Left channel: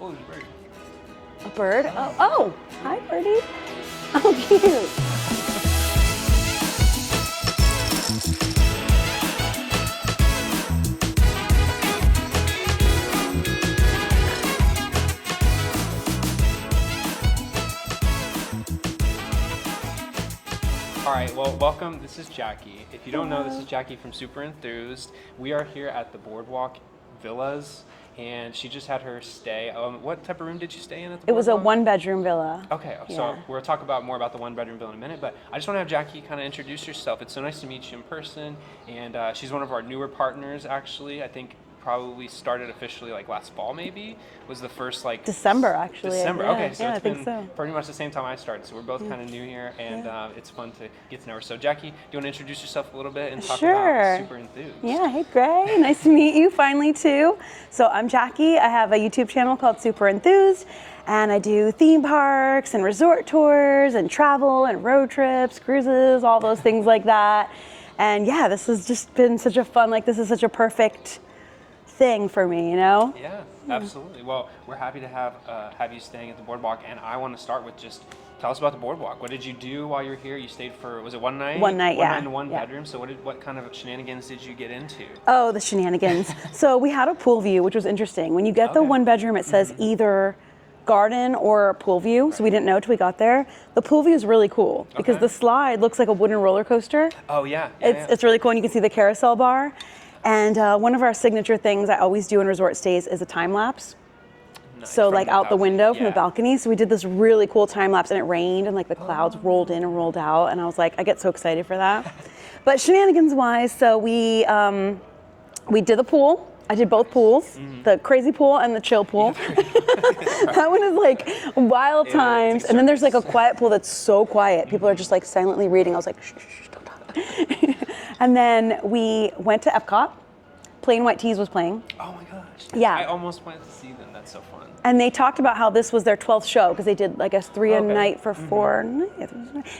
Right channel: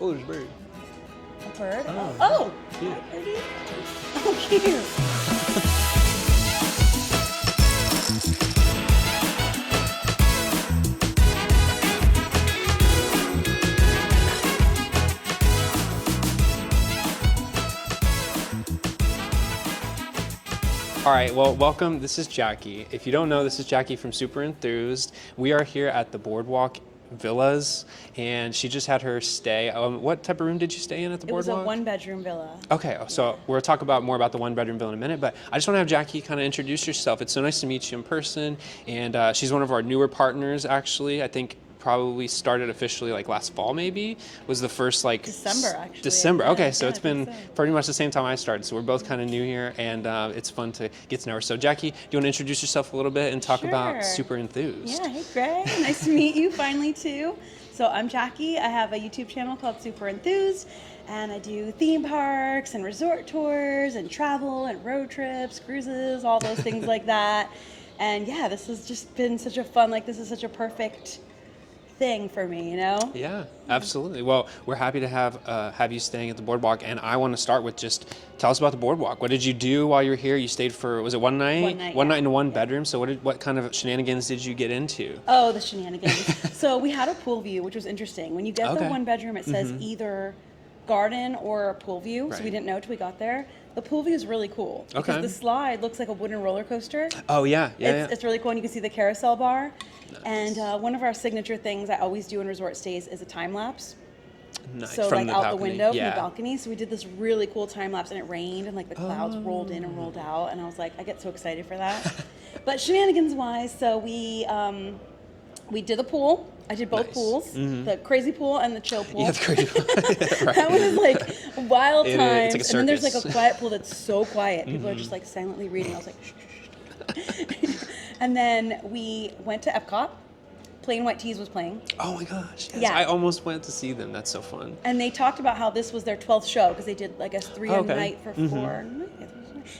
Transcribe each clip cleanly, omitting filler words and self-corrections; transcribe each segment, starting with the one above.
Oh, there's a bird. A bird? Oh, hi, birdie. Oh, cute. All right, well, welcome. This is Jackie. If you don't know, this is Jackie from Super Enthused. We are here at the Boardwalk Villas, and she just had her stay. What type of room did you stay in at the Boardwalk? It was a one-bedroom villa. Okay, so we'll talk about more about the one-bedroom villa in a minute, but I just want to have Jackie kind of introduce yourself. It's so nice to meet you in person, and she's one of our newer partners, actually. I think probably started officially like last fall, maybe was the first like December, actually. December. Yeah, Okay, so it's been so. pretty much the same time I started. So we're both kind of new here, and it's fun to get to know her. So Jackie, do you want to introduce yourself a little bit and talk about Super Enthused? Yeah, hey Greg, nice to meet you finally too. So I'm Jackie. I have a YouTube channel called Super Enthused, and I do theme parks and resort tours and travel and road trips, cruises, all those things like that. And yeah, this has just been such a fun, like this is such a perfect thing for me, you know? Yeah, absolutely. Well, we're happy to have you staying at the Boardwalk, and I want to start with just tell us about the Boardwalk. What did you do while you were here? You stayed for, was it one night? One night, One night in one bedroom. So what kind of shenanigans did you get into? Oh, the shenanigans. So we had a pool view, which was interesting. When you get the one bedroom, it says either garden or pool view, so we didn't know till we got there. The pool view is really cool because the slide looks like a wooden roller coaster. Oh yeah, It's really cool, and you can see the carousel bar. And one of our signature things I always do in resort stays is a time lapse. Nice. So From like the out the balcony. window from the balcony. So we did this really cool time lapse, and it rained, and like the clouds rolled in and rolled out, and I was like, I get so excited for that. But shenanigans wise, so we did the pool. I did both pools, the crazy pool and the chill pool. Yeah, the crazy pool. Right. That one is like wild times. It's like a and then there's like a circus. quiet pool that's so quiet. People are just like silently reading. I was like, shh, shh, don't talk. And then we went to EPCOT. Plain White Tees was playing. Oh my gosh. Yeah. I almost went to see them. That's so fun. And they talked about how this was their 12th show, because they did, I guess, 3 a night for 4.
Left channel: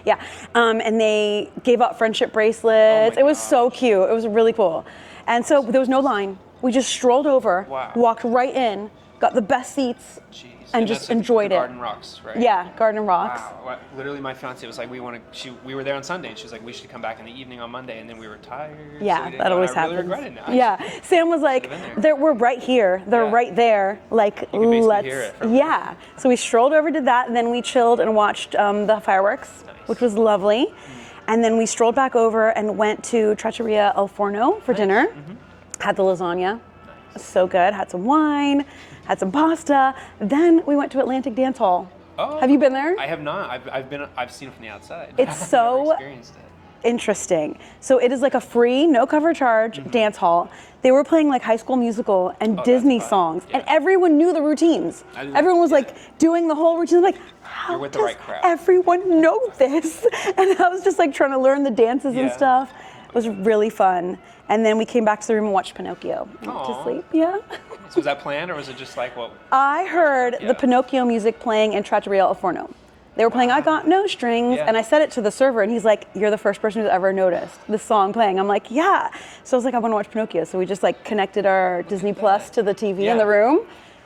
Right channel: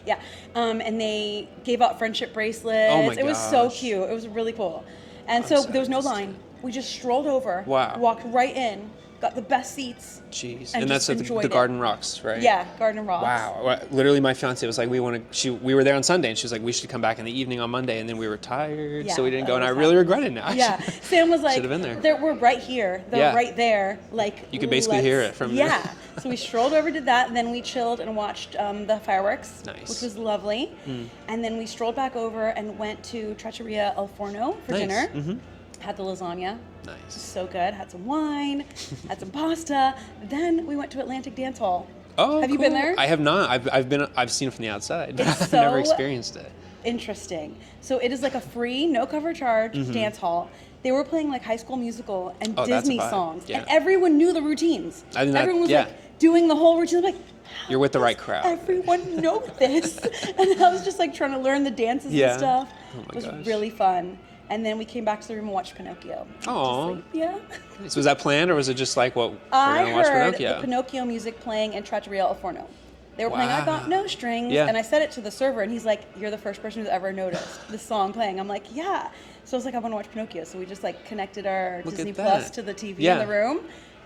Yeah. And they gave out friendship bracelets. Oh my it was so gosh. cute. It was really cool. And so there was no line. We just strolled over, walked right in, got the best seats, Jeez. and just that's enjoyed the Garden Rocks, right? Yeah, Garden Rocks. Wow. Well, literally, my fiance was like, we were there on Sunday, and she was like, we should come back in the evening on Monday, and then we were tired, Yeah, so we didn't that go, and I always really happens. regret it now. Yeah, Sam was like, Should've been there. we're right here, they're right there, like, You could basically hear it from yeah. So we strolled over, did that, and then we chilled and watched the fireworks, which was lovely. And then we strolled back over and went to Trattoria El Forno for dinner. Had the lasagna. So good. Had some wine, had some pasta. Then we went to Atlantic Dance Hall. Oh, have you been there? I have not. I've seen it from the outside. It's I've so never experienced it. Interesting. So it is like a free, no cover charge dance hall. They were playing like High School Musical and Disney songs, and everyone knew the routines. Everyone was like doing the whole routine. I'm like, how You're with the does right crowd. Everyone know this, and I was just like trying to learn the dances and stuff. It was really fun. And then we came back to the room and watched Pinocchio. Aww. To sleep. Yeah. So was that planned, or was it just like, well, I heard the Pinocchio music playing in Trattoria El Forno. They were playing I Got No Strings, and I said it to the server, and he's like, you're the first person who's ever noticed this song playing. I'm like, yeah. So I was like, I want to watch Pinocchio. So we just like connected our Disney Plus to the TV in the room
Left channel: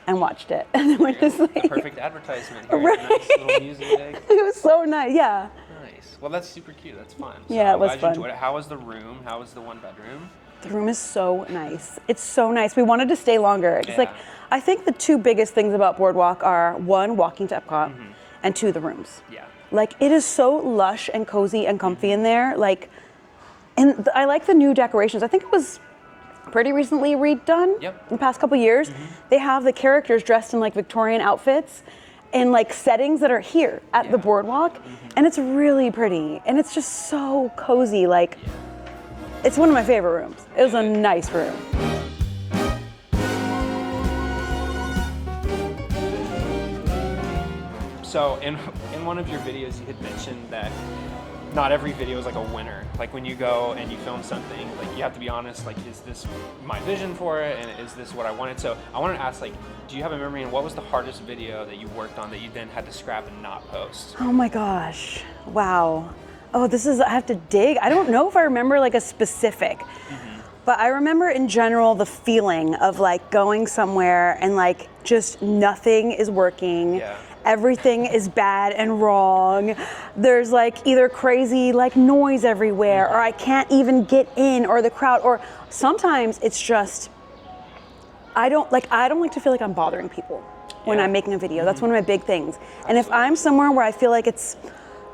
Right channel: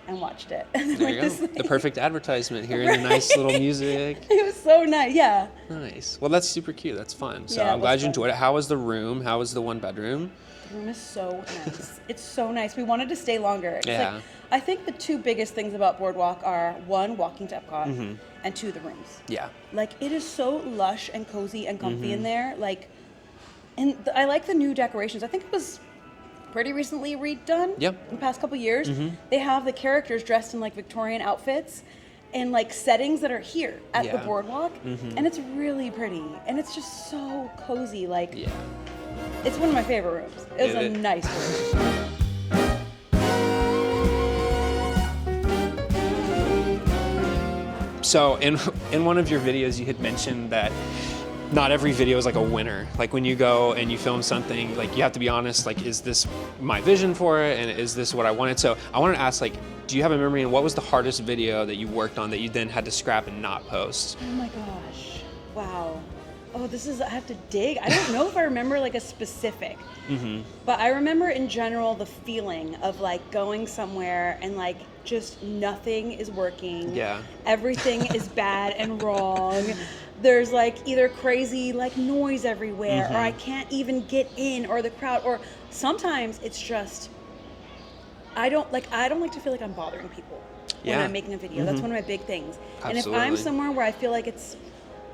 and watched it. And then, like, the perfect advertisement, hearing the nice little music. It was so nice, yeah. Nice. Well, that's super cute. That's fun. So Yeah, I'm glad you fun. enjoyed it. How was the room? How was the one bedroom? The room is so nice. It's so nice. We wanted to stay longer. It's like, I think the 2 biggest things about Boardwalk are 1, walking to EPCOT, and 2, the rooms. Yeah. Like, it is so lush and cozy and comfy in there. Like, and I like the new decorations. I think it was pretty recently redone in the past couple years. They have the characters dressed in like Victorian outfits in like settings that are here at the Boardwalk, and it's really pretty, and it's just so cozy. Like, it's one of my favorite rooms. It was a nice room. So in one of your videos, you had mentioned that not every video is like a winner. Like when you go and you film something, like you have to be honest, like, is this my vision for it, and is this what I wanted? So I wanted to ask, like, do you have a memory, and what was the hardest video that you worked on that you then had to scrap and not post? Oh my gosh, wow. Oh, I have to dig. I don't know if I remember like a specific, but I remember in general the feeling of like going somewhere and like just nothing is working. Yeah. Everything is bad and wrong. There's like either crazy like noise everywhere, or I can't even get in, or the crowd, or sometimes it's just I don't like to feel like I'm bothering people when I'm making a video. That's one of my big things. Absolutely. And if I'm somewhere where I feel like it's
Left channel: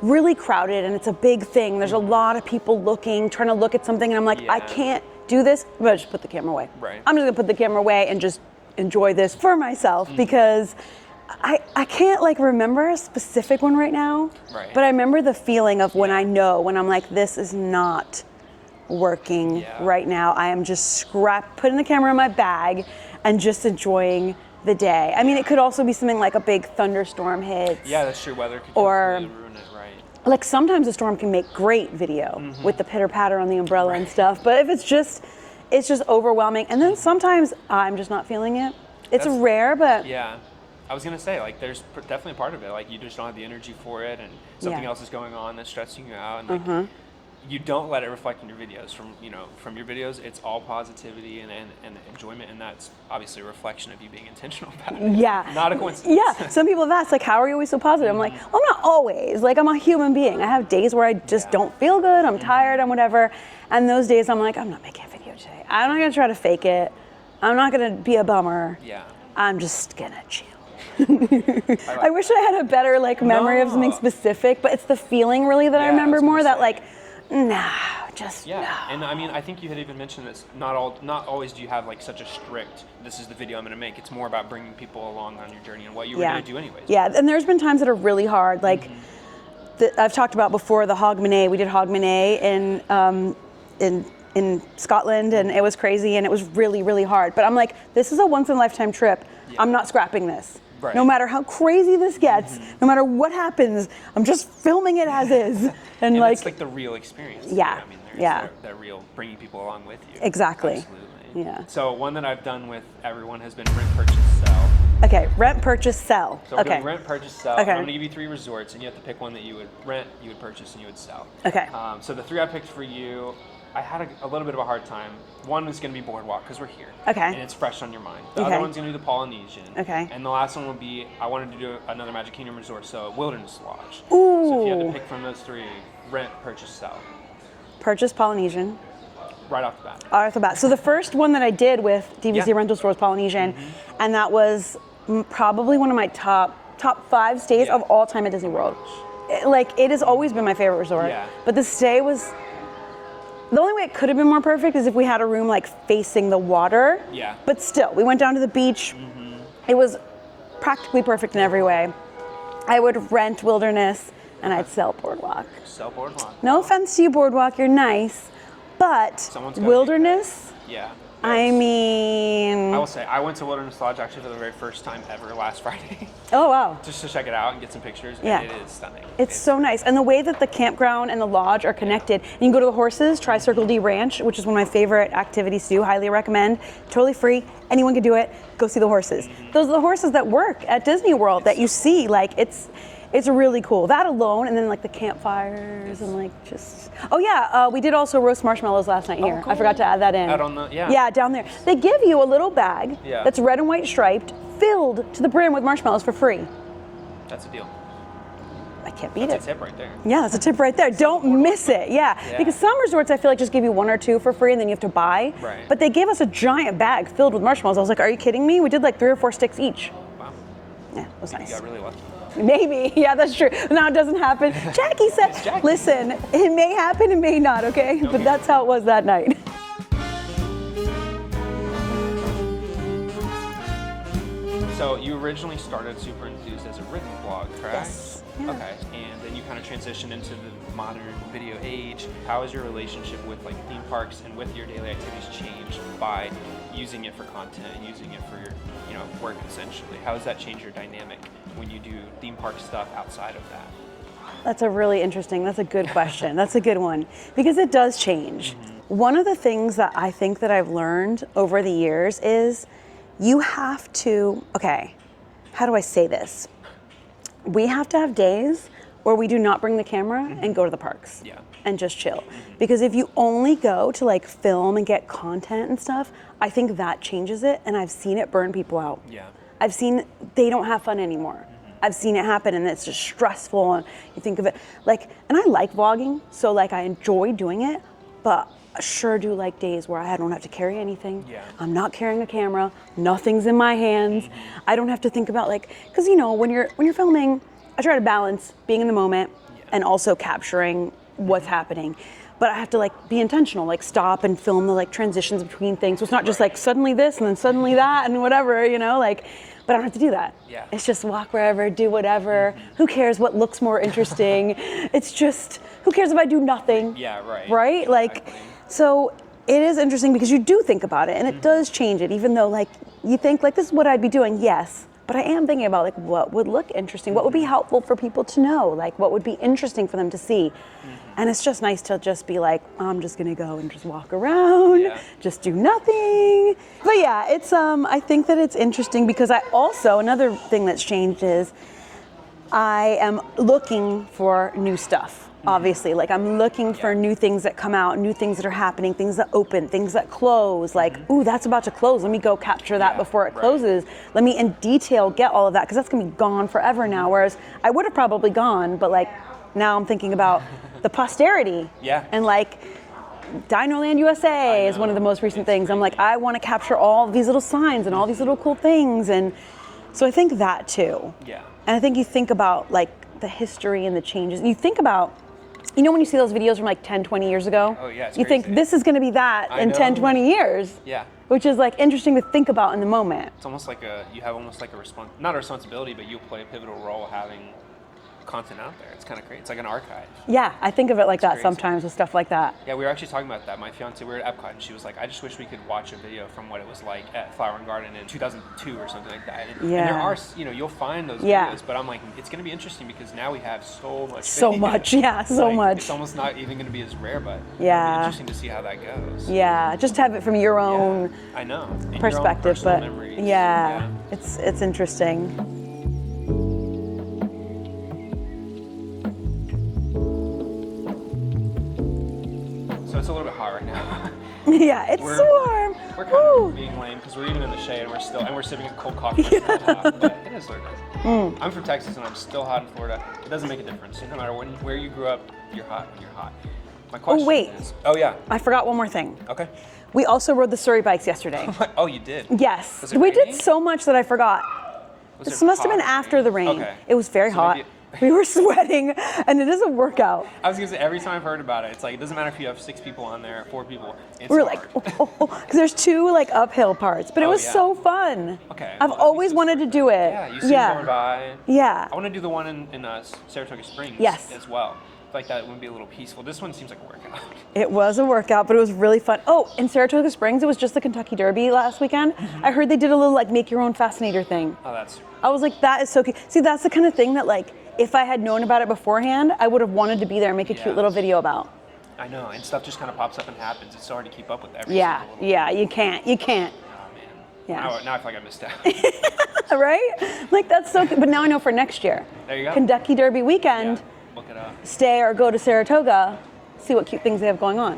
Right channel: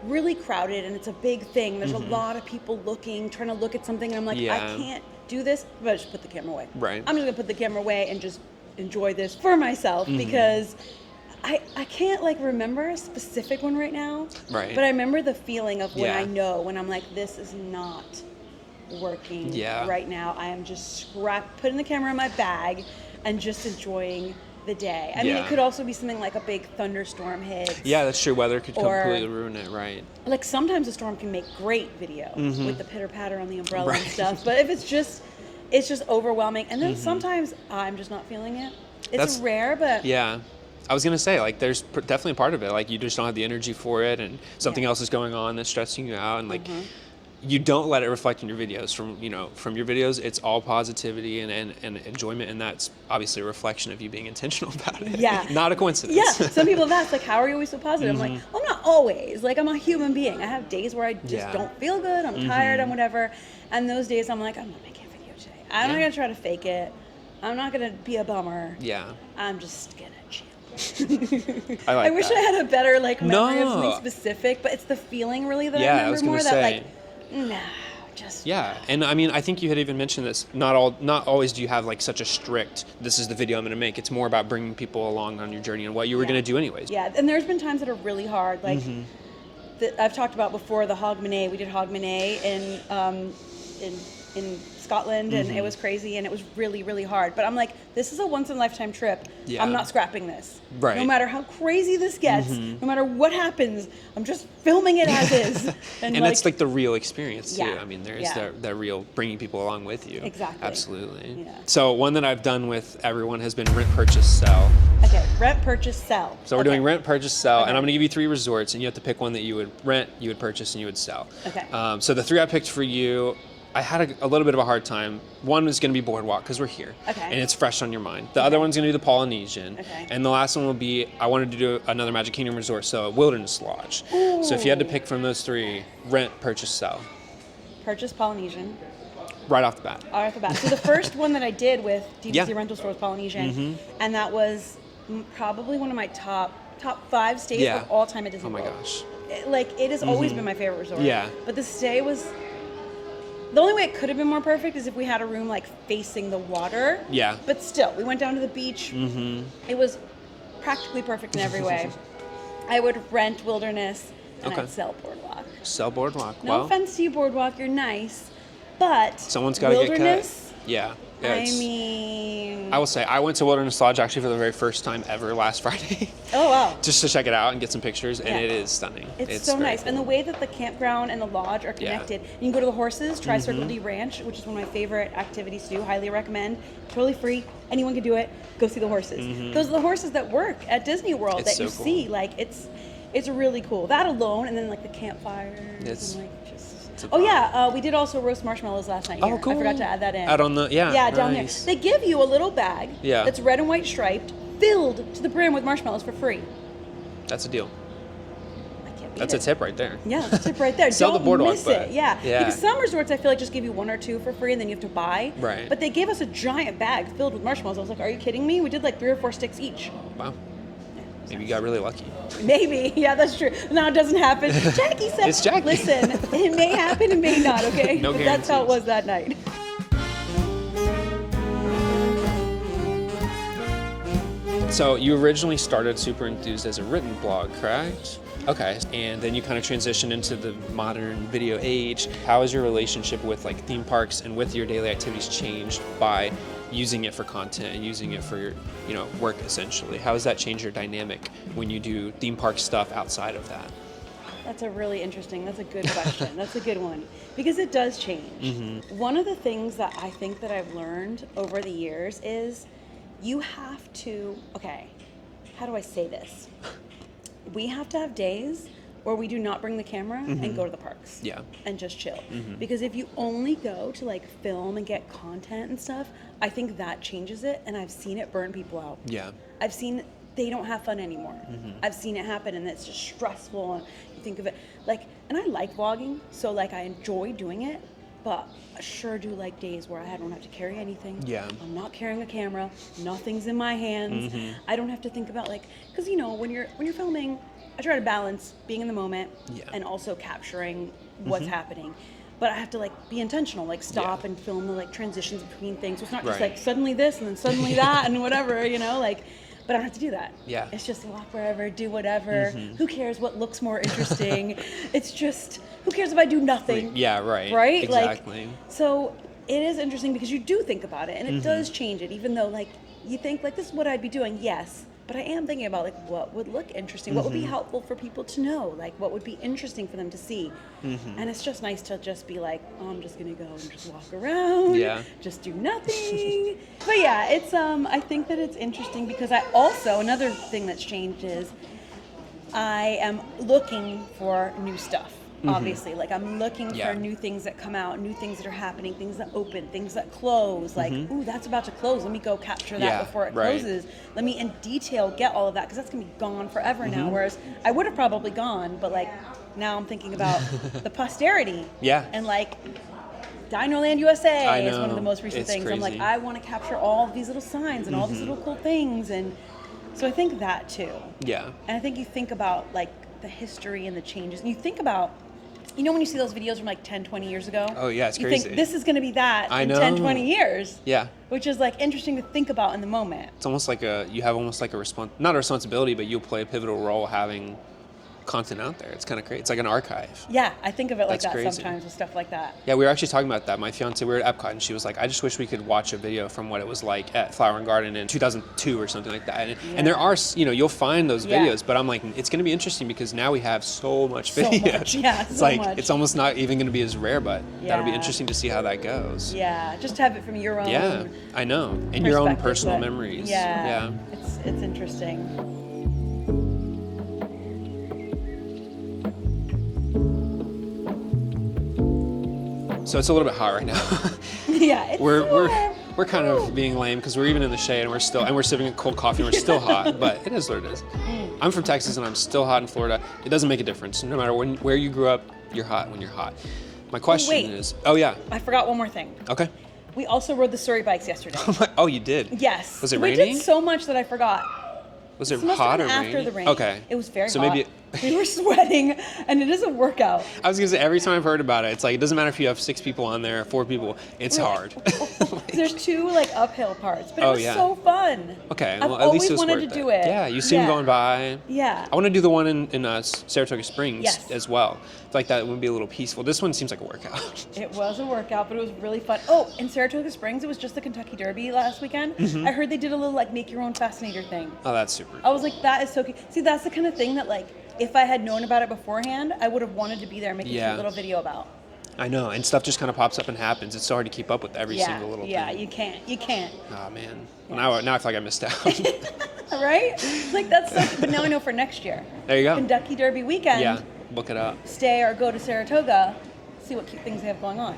really crowded and it's a big thing, there's a lot of people trying to look at something, and I'm like, I can't do this, but I just put the camera away. Right. I'm just gonna put the camera away and just enjoy this for myself, because I can't like remember a specific one right now, but I remember the feeling of when when I'm like, this is not working right now. I am just putting the camera in my bag and just enjoying the day. I mean, it could also be something like a big thunderstorm hits. Yeah, that's true. Weather could completely ruin it, right? Like sometimes a storm can make great video with the pitter patter on the umbrella and stuff. But if it's just overwhelming, and then sometimes I'm just not feeling it. It's rare, but yeah. I was gonna say, like, there's definitely a part of it. Like, you just don't have the energy for it, and something else is going on that's stressing you out, and like, you don't let it reflect in your videos. From your videos, it's all positivity and enjoyment, and that's obviously a reflection of you being intentional about it. Yeah. Not a coincidence. Yeah. Some people have asked, like, how are you always so positive? I'm like, well, I'm not always. Like, I'm a human being. I have days where I just don't feel good. I'm tired and whatever. And those days, I'm like, I'm not making a video today. I'm not gonna try to fake it. I'm not gonna be a bummer. Yeah. I'm just gonna chill. I wish I had a better like memory of something specific, but it's the feeling really that I remember more. That like, And I mean, I think you had even mentioned this. Not always do you have like such a strict, this is the video I'm going to make. It's more about bringing people along on your journey and what you were going to do anyways. Yeah, and there's been times that are really hard. Like I've talked about before, the Hogmanay. We did Hogmanay in Scotland, and it was crazy, and it was really, really hard. But I'm like, this is a once in a lifetime trip. I'm not scrapping this. Right. No matter how crazy this gets, no matter what happens, I'm just filming it as is. And it's like the real experience. Yeah. Too. I mean, there's that real bringing people along with you. Exactly. Absolutely. Yeah. So one that I've done with everyone has been rent, purchase, sell. Okay, rent, purchase, sell. So we're doing rent, purchase, sell, and I'm going to give you 3 resorts, and you have to pick one that you would rent, you would purchase, and you would sell. Okay. So the 3 I picked for you, I had a little bit of a hard time. One is going to be Boardwalk, because we're here. Okay. And it's fresh on your mind. The other one's going to be the Polynesian. Okay. And the last one will be, I wanted to do another Magic Kingdom resort, so a Wilderness Lodge. Ooh. So if you had to pick from those 3, rent, purchase, sell. Purchase Polynesian. Right off the bat. Right off the bat. So the first one that I did with DVC Rental Store was Polynesian, and that was probably one of my top 5 stays of all time at Disney World. It has always been my favorite resort. Yeah. But the stay was, the only way it could have been more perfect is if we had a room like facing the water. Yeah. But still, we went down to the beach. It was practically perfect in every way. I would rent Wilderness, and I'd sell Boardwalk. Sell Boardwalk. No offense to you, Boardwalk, you're nice, but someone's gotta Wilderness. Get cut. Yeah. I mean, I will say, I went to Wilderness Lodge actually for the very first time ever last Friday. Oh, wow. Just to check it out and get some pictures, and it is stunning. It's so nice. Cool. And the way that the campground and the lodge are connected. And you can go to the horses, try Circle D Ranch, which is one of my favorite activities to do, highly recommend. Totally free, anyone can do it. Go see the horses. Those are the horses that work at Disney World that you see. Like, it's really cool. That alone, and then like the campfires and like just. Oh yeah, we did also roast marshmallows last night here. Cool. I forgot to add that in. Out on the down there. They give you a little bag that's red and white striped, filled to the brim with marshmallows for free. That's a deal. I can't beat it. That's a tip right there. Yeah, that's a tip right there. Don't miss it. Yeah. Because some resorts I feel like just give you 1 or 2 for free and then you have to buy. Right. But they gave us a giant bag filled with marshmallows. I was like, are you kidding me? We did like 3 or 4 sticks each. Wow. Yeah, it was nice. You got really lucky. Maybe. Yeah, that's true. Now it doesn't happen. Jackie said, It's Jackie. Listen, it may happen, it may not, okay? No but that's how it was that night. So you originally started Super Enthused as a written blog, correct? Yes. Okay, and then you kind of transitioned into the modern video age. How has your relationship with like theme parks and with your daily activities changed by using it for content and using it for your, work essentially? How has that changed your dynamic when you do theme park stuff outside of that? That's a good question. That's a good one. Because it does change. One of the things that I think that I've learned over the years is you have to, how do I say this? We have to have days where we do not bring the camera and go to the parks and just chill. Because if you only go to like film and get content and stuff, I think that changes it, and I've seen it burn people out. Yeah. I've seen they don't have fun anymore. I've seen it happen, and it's just stressful. And you think of it like, and I like vlogging, so like I enjoy doing it, but I sure do like days where I don't have to carry anything. Yeah. I'm not carrying a camera. Nothing's in my hands. I don't have to think about like, because you know when you're filming, I try to balance being in the moment and also capturing what's happening. But I have to like be intentional, like stop and film the like transitions between things. So it's not just like suddenly this and then suddenly that and whatever, you know, like, but I don't have to do that. Yeah. It's just walk wherever, do whatever. Who cares what looks more interesting? It's just, who cares if I do nothing? Yeah, right. Right? Exactly. Like, so it is interesting because you do think about it and it does change it, even though like you think like this is what I'd be doing, yes. But I am thinking about like what would look interesting, what would be helpful for people to know, like what would be interesting for them to see. And it's just nice to just be like, I'm just gonna go and just walk around, just do nothing. But yeah, it's I think that it's interesting because I also, another thing that's changed is I am looking for new stuff. Obviously, like I'm looking for new things that come out, new things that are happening, things that open, things that close. Like, ooh, that's about to close. Let me go capture that before it closes. Let me in detail get all of that because that's gonna be gone forever now. Whereas I would have probably gone, but like now I'm thinking about the posterity. And like Dinoland USA is one of the most recent things. I'm like, I want to capture all these little signs and all these little cool things, and so I think that too. And I think you think about like the history and the changes. And you think about, you know when you see those videos from like 10, 20 years ago? Oh yeah, it's you crazy. think this is going to be that in 10, 20 years. Which is like interesting to think about in the moment. It's almost like you have almost like not a responsibility, but you'll play a pivotal role having content out there. It's kind of crazy. It's like an archive. Yeah, I think of it like That's that crazy. Sometimes with stuff like that. Yeah, we were actually talking about that. My fiance, we were at EPCOT, and she was like, I just wish we could watch a video from what it was like at Flower and Garden in 2002 or something like that. And there are, you know, you'll find those videos, but I'm like, it's going to be interesting because now we have so much video. So much, so much. It's almost not even going to be as rare, but it'll be interesting to see how that goes. Yeah, just have it from your own I know. And perspective, your own personal memories. Yeah, it's interesting. So it's a little bit hot right now. It's we're kind of being lame because we're even in the shade and we're sipping a cold coffee. We're still hot, but it is what it is. I'm from Texas and I'm still hot in Florida. It doesn't make a difference. No matter where you grew up, you're hot when you're hot. My question is, I forgot one more thing. Okay. We also rode the Surrey bikes yesterday. Oh, you did? Yes. Was it raining? We did so much that I forgot. This must have been after the rain. Okay. It was very hot. Maybe we were sweating, and it is a workout. I was gonna say, every time I've heard about it, it's like, it doesn't matter if you have 6 people on there, 4 people, it's hard. Because there's 2 like uphill parts, but it was so fun. Okay. I've always wanted to do it. Yeah, you see them going by. Yeah. I want to do the one in Saratoga Springs as well. I feel like that would be a little peaceful. This one seems like a workout. It was a workout, but it was really fun. Oh, in Saratoga Springs, it was just the Kentucky Derby last weekend. I heard they did a little like make your own fascinator thing. Oh, that's super. I was like, that is so cute. See, that's the kind of thing that like, if I had known about it beforehand, I would have wanted to be there and make a cute little video about. I know, and stuff just kind of pops up and happens. It's so hard to keep up with every single little thing. You can't. Oh man. Now I feel like I missed out. Right? Like that's so good. But now I know for next year. There you go. Kentucky Derby weekend. Yeah, look it up. Stay or go to Saratoga, see what cute things they have going on.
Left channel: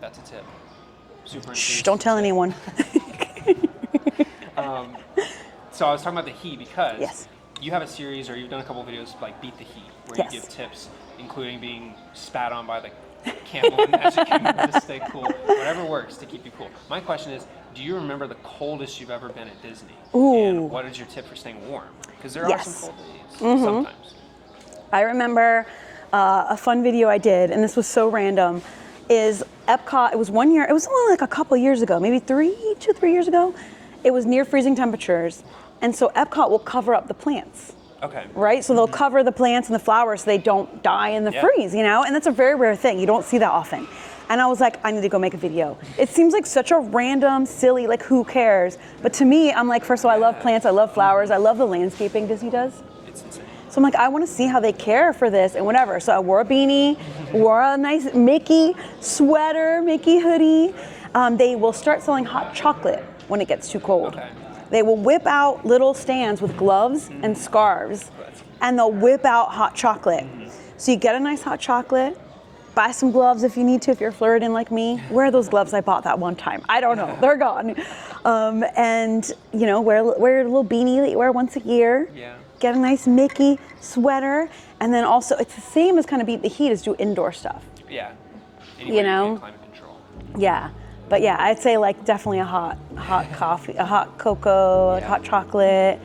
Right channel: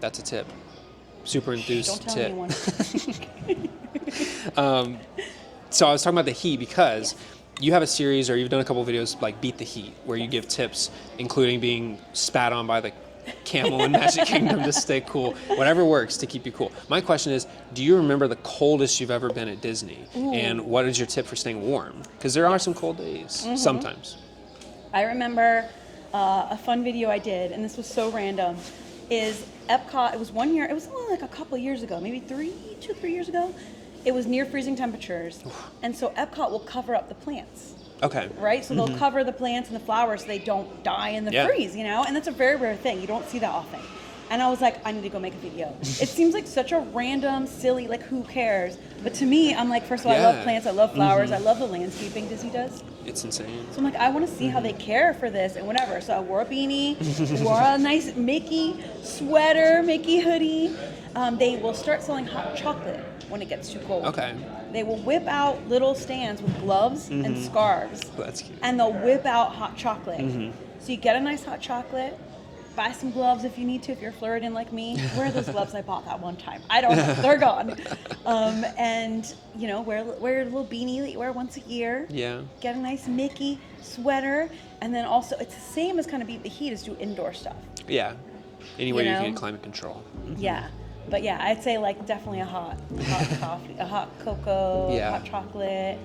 That's a tip. Super Enthused. Don't tell anyone. So I was talking about the heat because you have a series, or you've done a couple of videos like Beat the Heat, where you give tips, including being spat on by the camel in Magic Kingdom to stay cool. Whatever works to keep you cool. My question is, do you remember the coldest you've ever been at Disney? Ooh. And what is your tip for staying warm? Because there are some cold days, sometimes. I remember a fun video I did, and this was so random, is EPCOT, it was one year, it was only like a couple years ago, maybe 2, 3 years ago. It was near freezing temperatures, and so EPCOT will cover up the plants. Okay. Right? So they'll cover the plants and the flowers so they don't die in the freeze, you know? And that's a very rare thing. You don't see that often. And I was like, I need to go make a video. It seems like such a random, silly, like who cares? But to me, I'm like, first of all, I love plants, I love flowers, I love the landscaping Disney does. It's insane. So I'm like, I want to see how they care for this and whatever. So I wore a beanie, wore a nice Mickey sweater, Mickey hoodie. They will start selling hot chocolate when it gets too cold. Okay. They will whip out little stands with gloves and scarves, That's cute. and they'll whip out hot chocolate. So you get a nice hot chocolate, buy some gloves if you need to, if you're flirting like me. Wear those gloves I bought that one time. I don't know, they're gone. And you know, wear your little beanie that you wear once a year. Yeah. Get a nice Mickey sweater, and then also it's the same as kind of beat the heat as do indoor stuff. Yeah. Anywhere you can climate control. Yeah. But yeah, I'd say like definitely a hot coffee, a hot cocoa, a hot chocolate,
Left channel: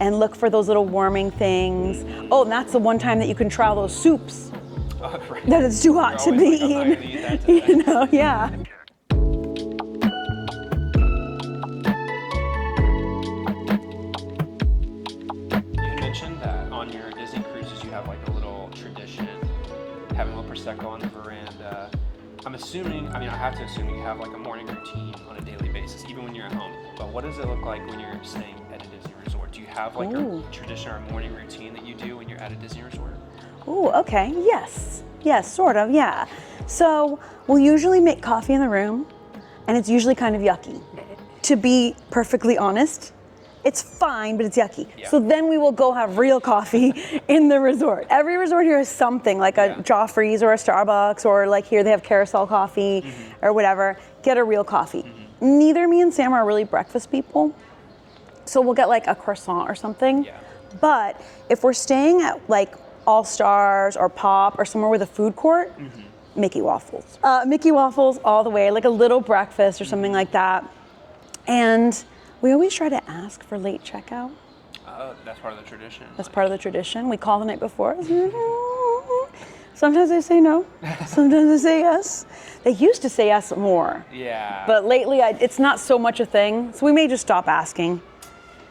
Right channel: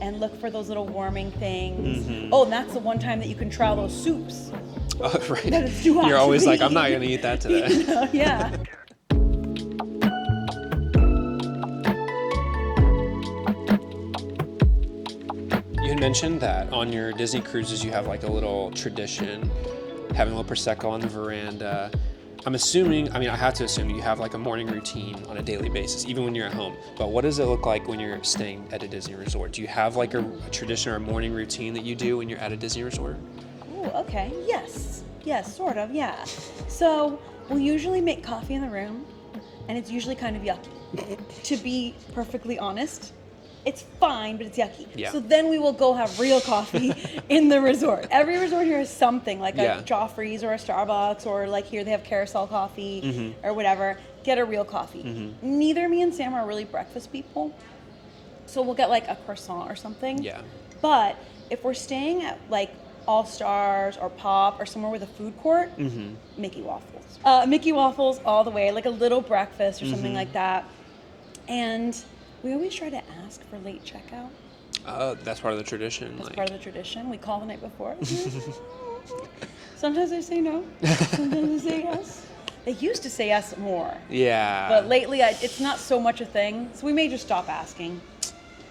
and look for those little warming things. Oh, and that's the one time that you can try those soups. Oh, right. That it's too hot. You're always like, I'm not gonna eat that today. You know, yeah. You had mentioned that on your Disney cruises you have like a little tradition, having a little Prosecco on the veranda. I'm assuming, I have to assume you have like a morning routine on a daily basis, even when you're at home. But what does it look like when you're staying at a Disney resort? Do you have like a tradition or a morning routine that you do when you're at a Disney resort? Ooh, okay, yes. Yes, sort of, yeah. So we'll usually make coffee in the room, and it's usually kind of yucky. To be perfectly honest, it's fine, but it's yucky. Yeah. So then we will go have real coffee in the resort. Every resort here has something, like a Joffrey's or a Starbucks, or like here they have carousel coffee or whatever. Get a real coffee. Neither me and Sam are really breakfast people, so we'll get like a croissant or something. Yeah. But if we're staying at like All Stars or Pop or somewhere with a food court, Mickey waffles. Mickey waffles all the way, like a little breakfast or something like that. And we always try to ask for late checkout. Oh, that's part of the tradition. That's part of the tradition. We call the night before. Sometimes they say no. Sometimes they say yes. They used to say yes more. Yeah. But lately, it's not so much a thing. So we may just stop asking.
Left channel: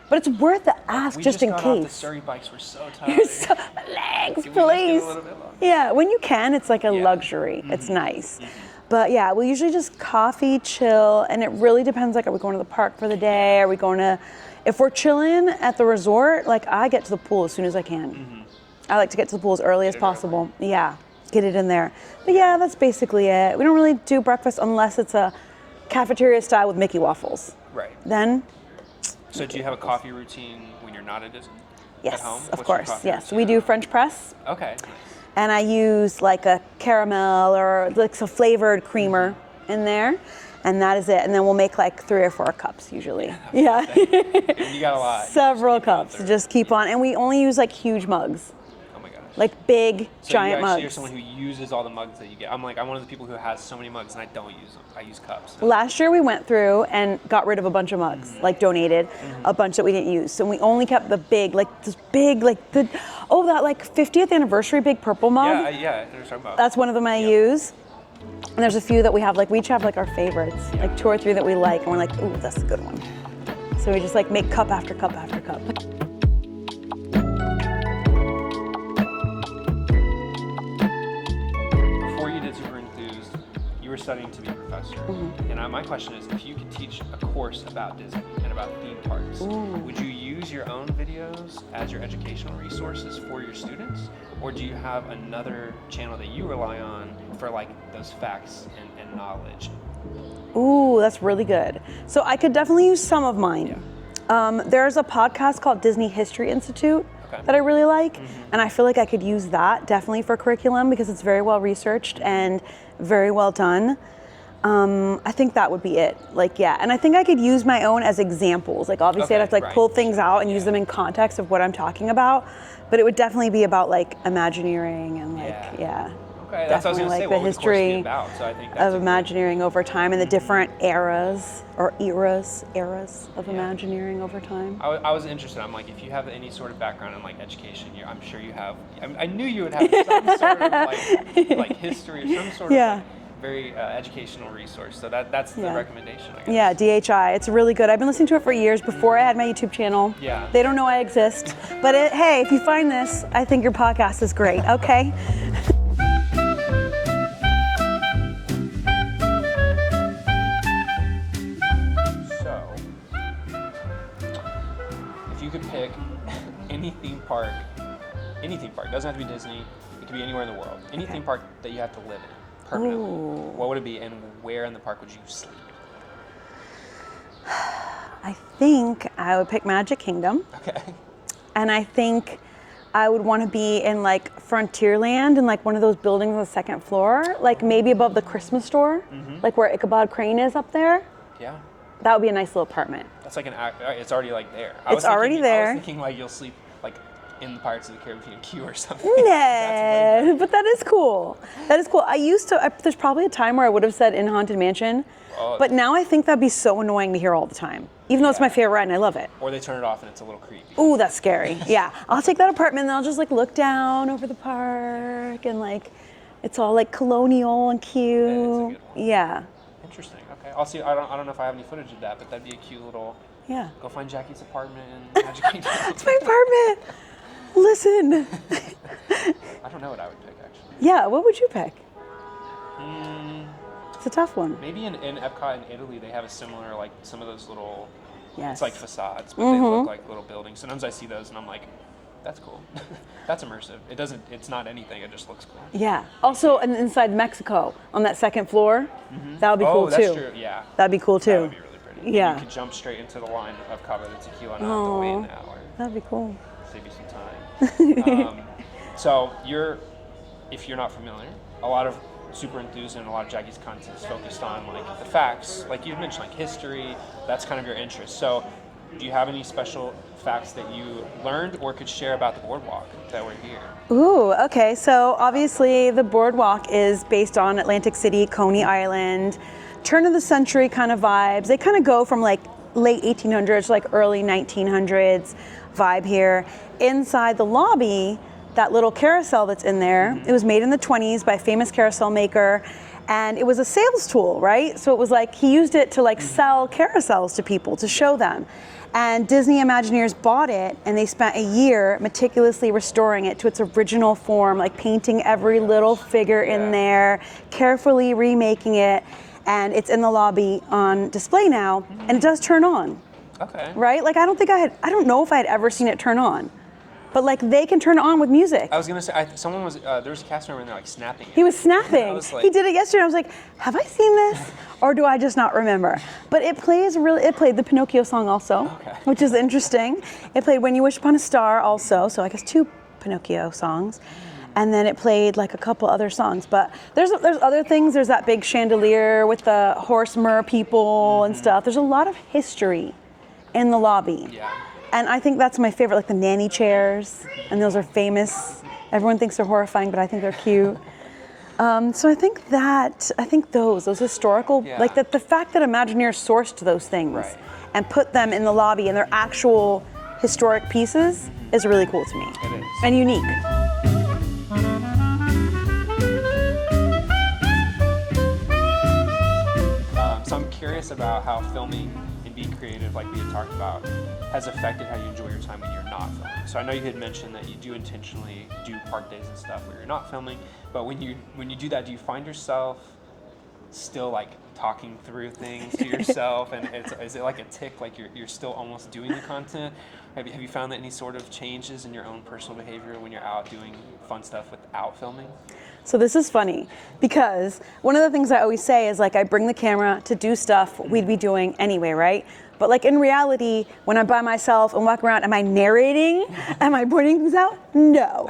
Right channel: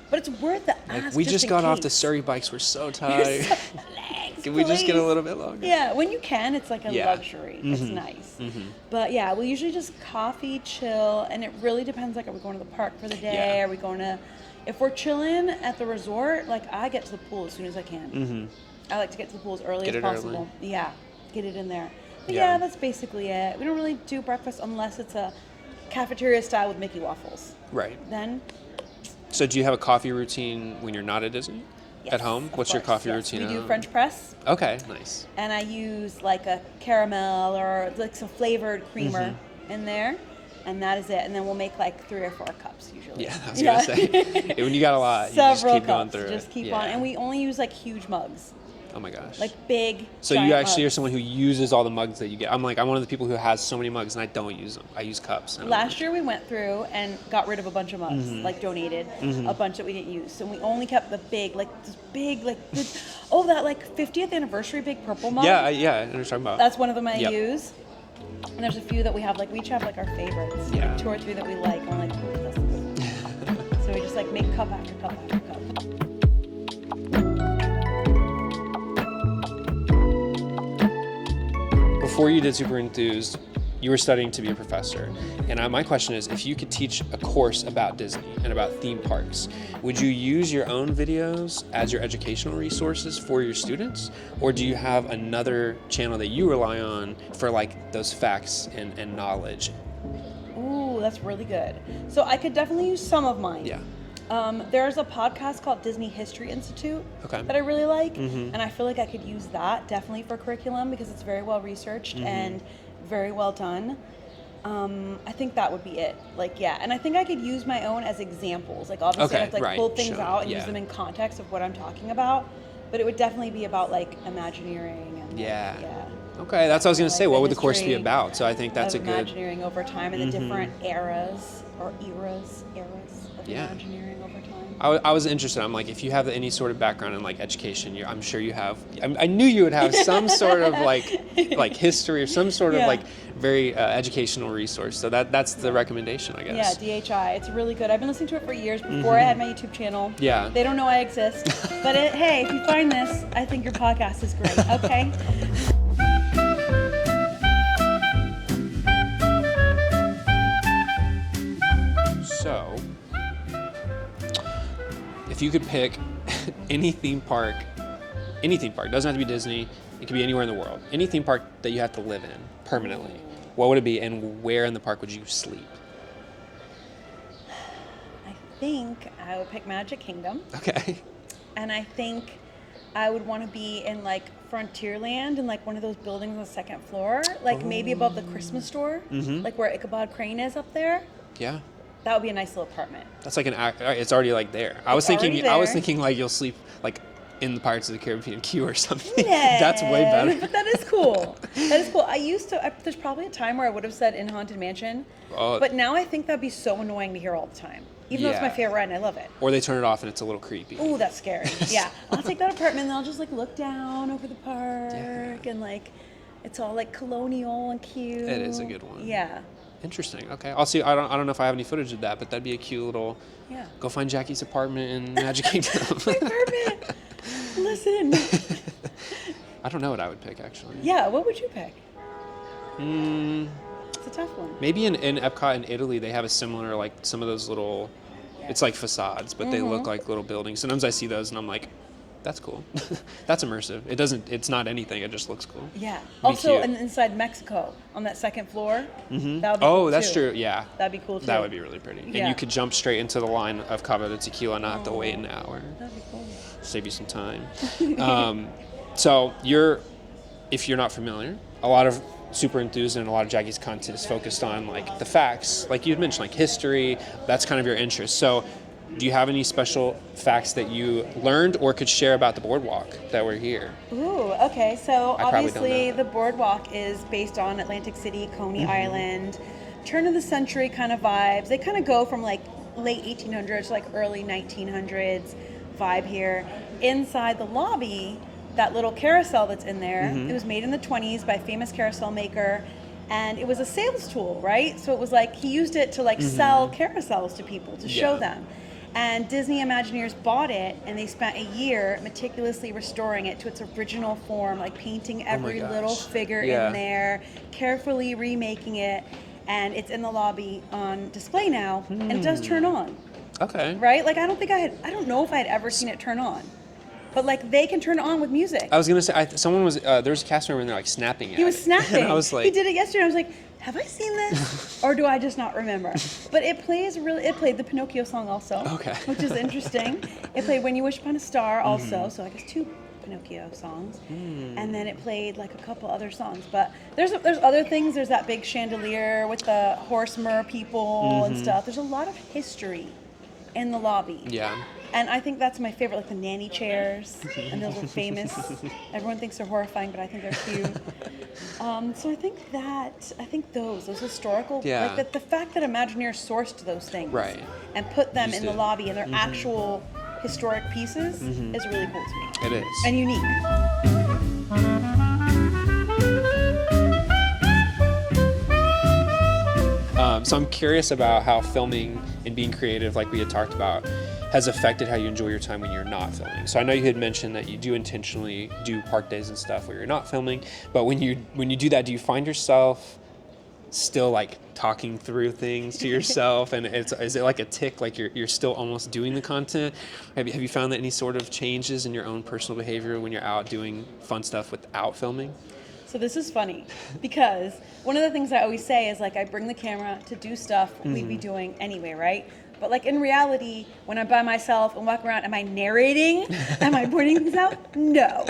But it's worth the ask, we just in case. got off the Surrey bikes. We're so tired. Legs, Can we just get a little bit longer? Yeah, when you can, it's like a luxury. It's nice. But yeah, we usually just coffee, chill, and it really depends. Like, are we going to the park for the day? Are we going to? If we're chilling at the resort, like I get to the pool as soon as I can. I like to get to the pool as early as possible. Yeah, get it in there. But yeah, that's basically it. We don't really do breakfast unless it's a cafeteria style with Mickey waffles. Right. Then. So do you have a coffee routine when you're not at Disney? Yes, at home? of What's course, your coffee routine? We do French press. Okay, nice. And I use like a caramel or like a flavored creamer in there. And that is it. And then we'll make like 3 or 4 cups usually. Yeah, I was gonna say. When you got a lot, Several you just keep on. And we only use like huge mugs. Oh my gosh. Like big, so giant you actually mugs. are someone who uses all the mugs that you get. I'm one of the people who has so many mugs and I don't use them. I use cups. Last year we went through and got rid of a bunch of mugs, like donated a bunch that we didn't use. So we only kept the big, like this big, like the, that like 50th anniversary big purple mug. Yeah, I know what you're talking about. That's one of them I use. And there's a few that we have, like we each have like our favorites, like 2 or 3 that we like, and we're like, ooh, that's a good one. So we just like make cup after cup after cup. Before you did Super Enthused, you were studying to be a professor. And my question is, if you could teach a course about Disney and about theme parks, would you use your own videos as your educational resources for your students? Or do you have another channel that you rely on for like those facts and knowledge? Ooh, that's really good. So I could definitely use some of mine. Yeah. There's a podcast called Disney History Institute that I really like, and I feel like I could use that definitely for curriculum because it's very well researched and very well done. I think that would be it. Like, yeah, and I think I could use my own as examples. Like, obviously, I'd have to like pull things out and use them in context of what I'm talking about. But it would definitely be about like Imagineering and like, Okay, that's what I was going to say. What would the course be about? So I think that's of Imagineering over time and the different eras or eras of Imagineering over time. I was interested. I'm like, if you have any sort of background in like education, I'm sure you have. I knew you would have some sort of like history or some sort of like very educational resource. So that's the recommendation, I guess. Yeah, DHI. It's really good. I've been listening to it for years before I had my YouTube channel. Yeah. They don't know I exist. But hey, if you find this, I think your podcast is great. Okay. So, if you could pick any theme park, doesn't have to be Disney, it could be anywhere in the world, any theme park that you have to live in permanently, what would it be and where in the park would you sleep? I think I would pick Magic Kingdom. Okay. And I think I would want to be in like Frontierland in like one of those buildings on the second floor, like maybe above the Christmas store, like where Ichabod Crane is up there. Yeah. That would be a nice little apartment. That's like it's already like there. I was thinking like you'll sleep like in the Pirates of the Caribbean queue or something. No, that's way better. But that is cool. That is cool. There's probably a time where I would have said in Haunted Mansion, but now I think that'd be so annoying to hear all the time. Even though it's my favorite ride and I love it. Or they turn it off and it's a little creepy. Ooh, that's scary. Yeah. I'll take that apartment and I'll just like look down over the park and like it's all like colonial and cute. It is a good one. Yeah. Interesting. Okay. I'll see. I don't know if I have any footage of that, but that'd be a cute little go find Jackie's apartment in Magic Kingdom. My apartment. Listen. I don't know what I would pick actually. Yeah, what would you pick? It's a tough one. Maybe in EPCOT in Italy, they have a similar, like, some of those little, Yes. it's like facades, but they look like little buildings. Sometimes I see those and I'm like, that's cool. That's immersive. It's not anything, it just looks cool. Yeah. Also, inside Mexico, on that second floor, that would be cool too. Oh, that's true, yeah. That'd be cool too. That would be really pretty. Yeah. And you could jump straight into the line of Cava de Tequila, not have to wait an hour. That'd be cool. Save you some time. So if you're not familiar, a lot of Super Enthused and a lot of Jackie's content is focused on like the facts, like you mentioned, like history. That's kind of your interest. So, do you have any special facts that you learned or could share about the boardwalk that were here? Ooh, okay. So obviously the boardwalk is based on Atlantic City, Coney Island, turn of the century kind of vibes. They kind of go from like late 1800s to like early 1900s vibe here. Inside the lobby, that little carousel that's in there, it was made in the 20s by a famous carousel maker, and it was a sales tool, right? So it was like he used it to like sell carousels to people to show them. And Disney Imagineers bought it, and they spent a year meticulously restoring it to its original form, like painting every little figure in there, carefully remaking it, and it's in the lobby on display now, and it does turn on. Okay. Right? Like I don't know if I had ever seen it turn on. But like they can turn it on with music. I was gonna say, someone was there was a cast member in there like snapping. He was snapping. I was like, he did it yesterday. I was like, have I seen this, or do I just not remember? But it played the Pinocchio song also, which is interesting. It played When You Wish Upon a Star also, so I guess 2 Pinocchio songs, and then it played like a couple other songs. But there's other things. There's that big chandelier with the horse mer people and stuff. There's a lot of history in the lobby. Yeah. And I think that's my favorite, like the nanny chairs, and those are famous. Everyone thinks they're horrifying, but I think they're cute. So I think those historical, like the fact that Imagineers sourced those things and put them in the lobby and they're actual historic pieces is really cool to me. It is. And unique. So I'm curious about how filming and being creative, like we had talked about, has affected how you enjoy your time when you're not filming. So I know you had mentioned that you do intentionally do park days and stuff where you're not filming, but when you do that, do you find yourself still like talking through things to yourself, and is it like a tick, like you're still almost doing the content? Have you found that any sort of changes in your own personal behavior when you're out doing fun stuff without filming? So this is funny because one of the things I always say is like I bring the camera to do stuff we'd be doing anyway, right? But like in reality, when I'm by myself and walking around, am I narrating? Am I pointing things out? No.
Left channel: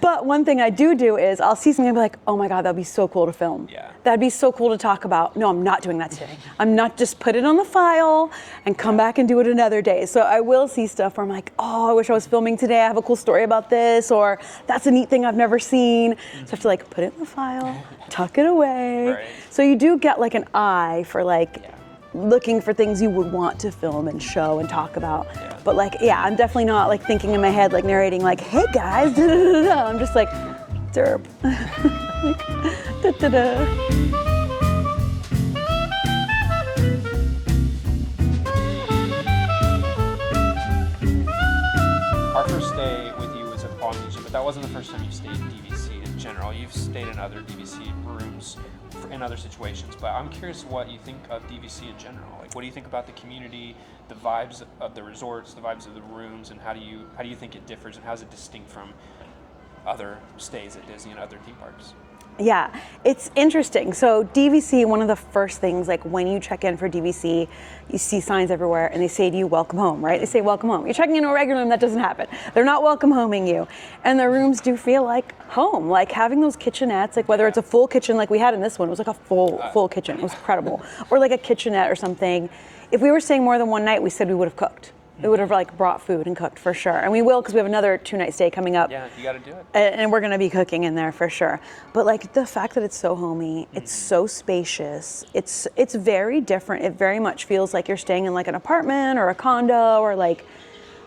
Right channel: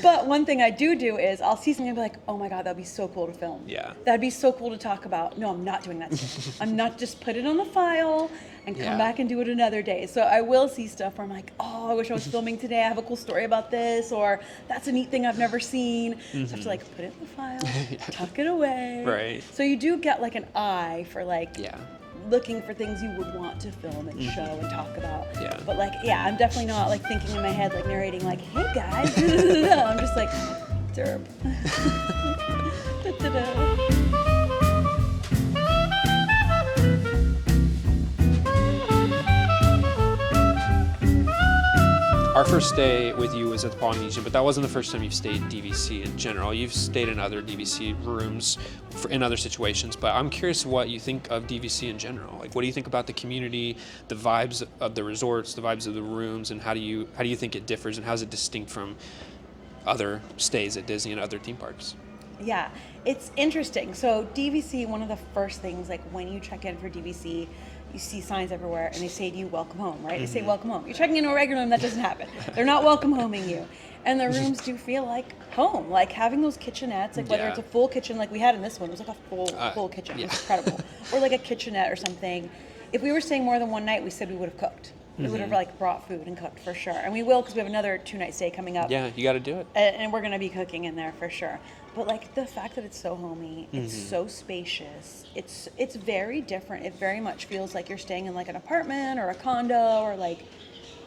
But one thing I do is I'll see something and be like, oh my God, that'd be so cool to film. Yeah. That'd be so cool to talk about. No, I'm not doing that today. I'm not, just put it on the file and come back and do it another day. So I will see stuff where I'm like, oh, I wish I was filming today. I have a cool story about this, or that's a neat thing I've never seen. So I have to like put it in the file, tuck it away. Right. So you do get like an eye for like, looking for things you would want to film and show and talk about. Yeah. But like, I'm definitely not like thinking in my head, like narrating like, hey guys, I'm just like, derp. Our first stay with you was at the Polynesian, but that wasn't the first time you've stayed at DVC in general. You've stayed in other DVC rooms in other situations, but I'm curious what you think of DVC in general. Like, what do you think about the community, the vibes of the resorts, the vibes of the rooms, and how do you think it differs, and how is it distinct from other stays at Disney and other theme parks? Yeah, it's interesting. So DVC, one of the first things, like when you check in for DVC, you see signs everywhere and they say to you, welcome home, right? They say welcome home. You're checking into a regular room, that doesn't happen. They're not welcome homing you. And the rooms do feel like home, like having those kitchenettes, like whether it's a full kitchen like we had in this one, it was like a full kitchen, it was incredible. Or like a kitchenette or something. If we were staying more than one night, we said we would have cooked. We would have like brought food and cooked for sure. And we will, because we have another 2-night stay coming up. Yeah, you got to do it. And we're gonna be cooking in there for sure. But like the fact that it's so homey, it's so spacious, it's very different. It very much feels like you're staying in like an apartment or a condo or like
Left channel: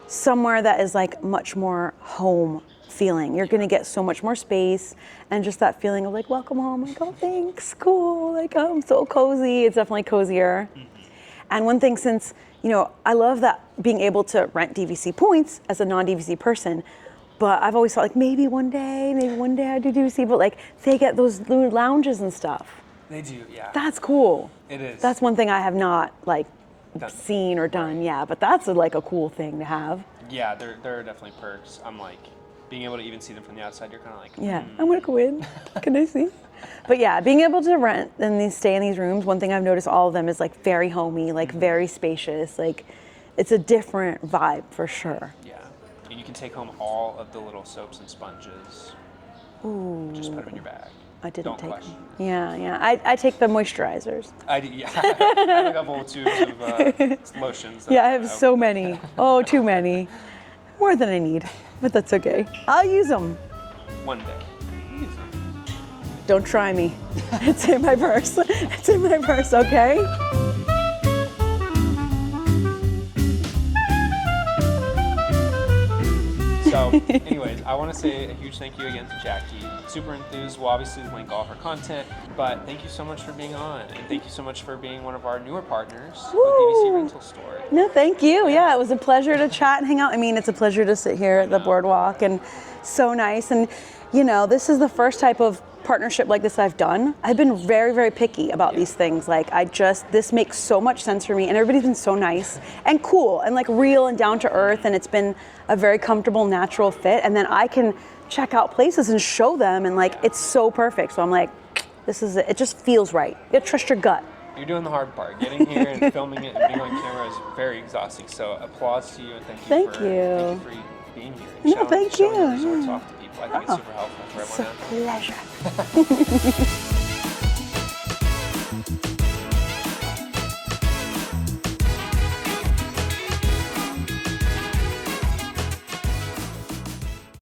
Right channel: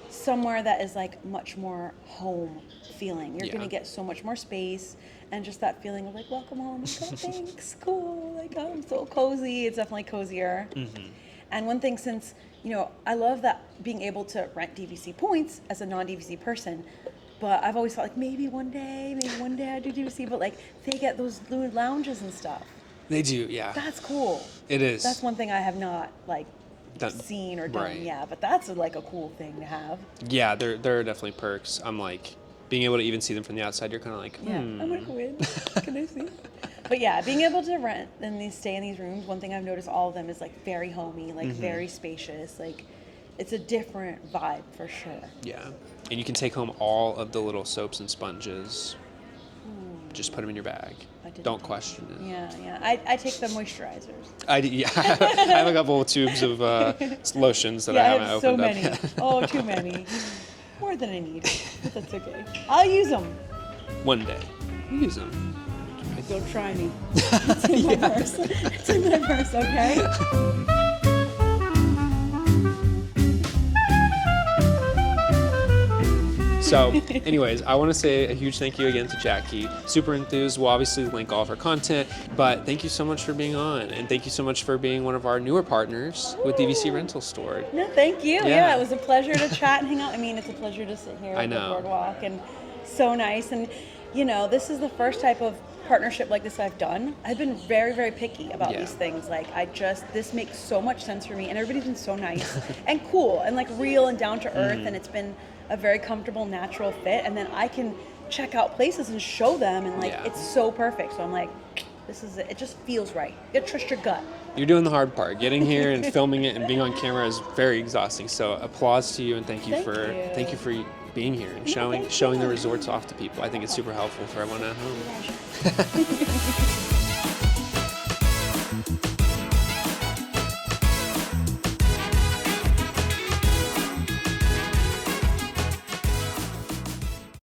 somewhere that is like much more home feeling. You're gonna get so much more space and just that feeling of like, welcome home, like, oh thanks, cool, like I'm so cozy. It's definitely cozier. And one thing, since, you know, I love that being able to rent DVC points as a non-DVC person, but I've always thought like maybe one day I do DVC, but like they get those lounges and stuff. They do, yeah. That's cool. It is. That's one thing I have not like seen or done, right. yeah, but that's like a cool thing to have. Yeah, there are definitely perks. I'm like, being able to even see them from the outside, you're kind of like, Yeah, I'm gonna go in. Can I see? But yeah, being able to rent and stay in these rooms, one thing I've noticed all of them is like very homey, like very spacious. Like it's a different vibe for sure. Yeah, and you can take home all of the little soaps and sponges. Ooh. Just put them in your bag. I didn't Don't take question them. it. Yeah. I take the moisturizers. I have a couple of tubes of lotions that I I haven't have so opened up many. yet. Oh, too many. More than I need, but that's okay. I'll use them. One day, use them. Don't try me. It's in my purse. It's in my purse, okay? So, anyways, I want to say a huge thank you again to Jackie. Super Enthused will obviously link all of her content, but thank you so much for being on, and thank you so much for being one of our newer partners with DVC Rental Store. No, thank you. Yeah. Yeah, it was a pleasure to chat and hang out. I mean, it's a pleasure to sit here at the Boardwalk, and so nice. And, you know, this is the first type of partnership like this I've done. I've been very, very picky about these things. Like, this makes so much sense for me, and everybody's been so nice and cool and like real and down to earth, and it's been a very comfortable, natural fit. And then I can check out places and show them, and like it's so perfect. So I'm like, this is it. It just feels right. You trust your gut. You're doing the hard part. Getting here and filming it and being on camera is very exhausting. So applause to you, and thank you for being here and showing the resorts off to people. I think it's super helpful for everyone out here. Pleasure.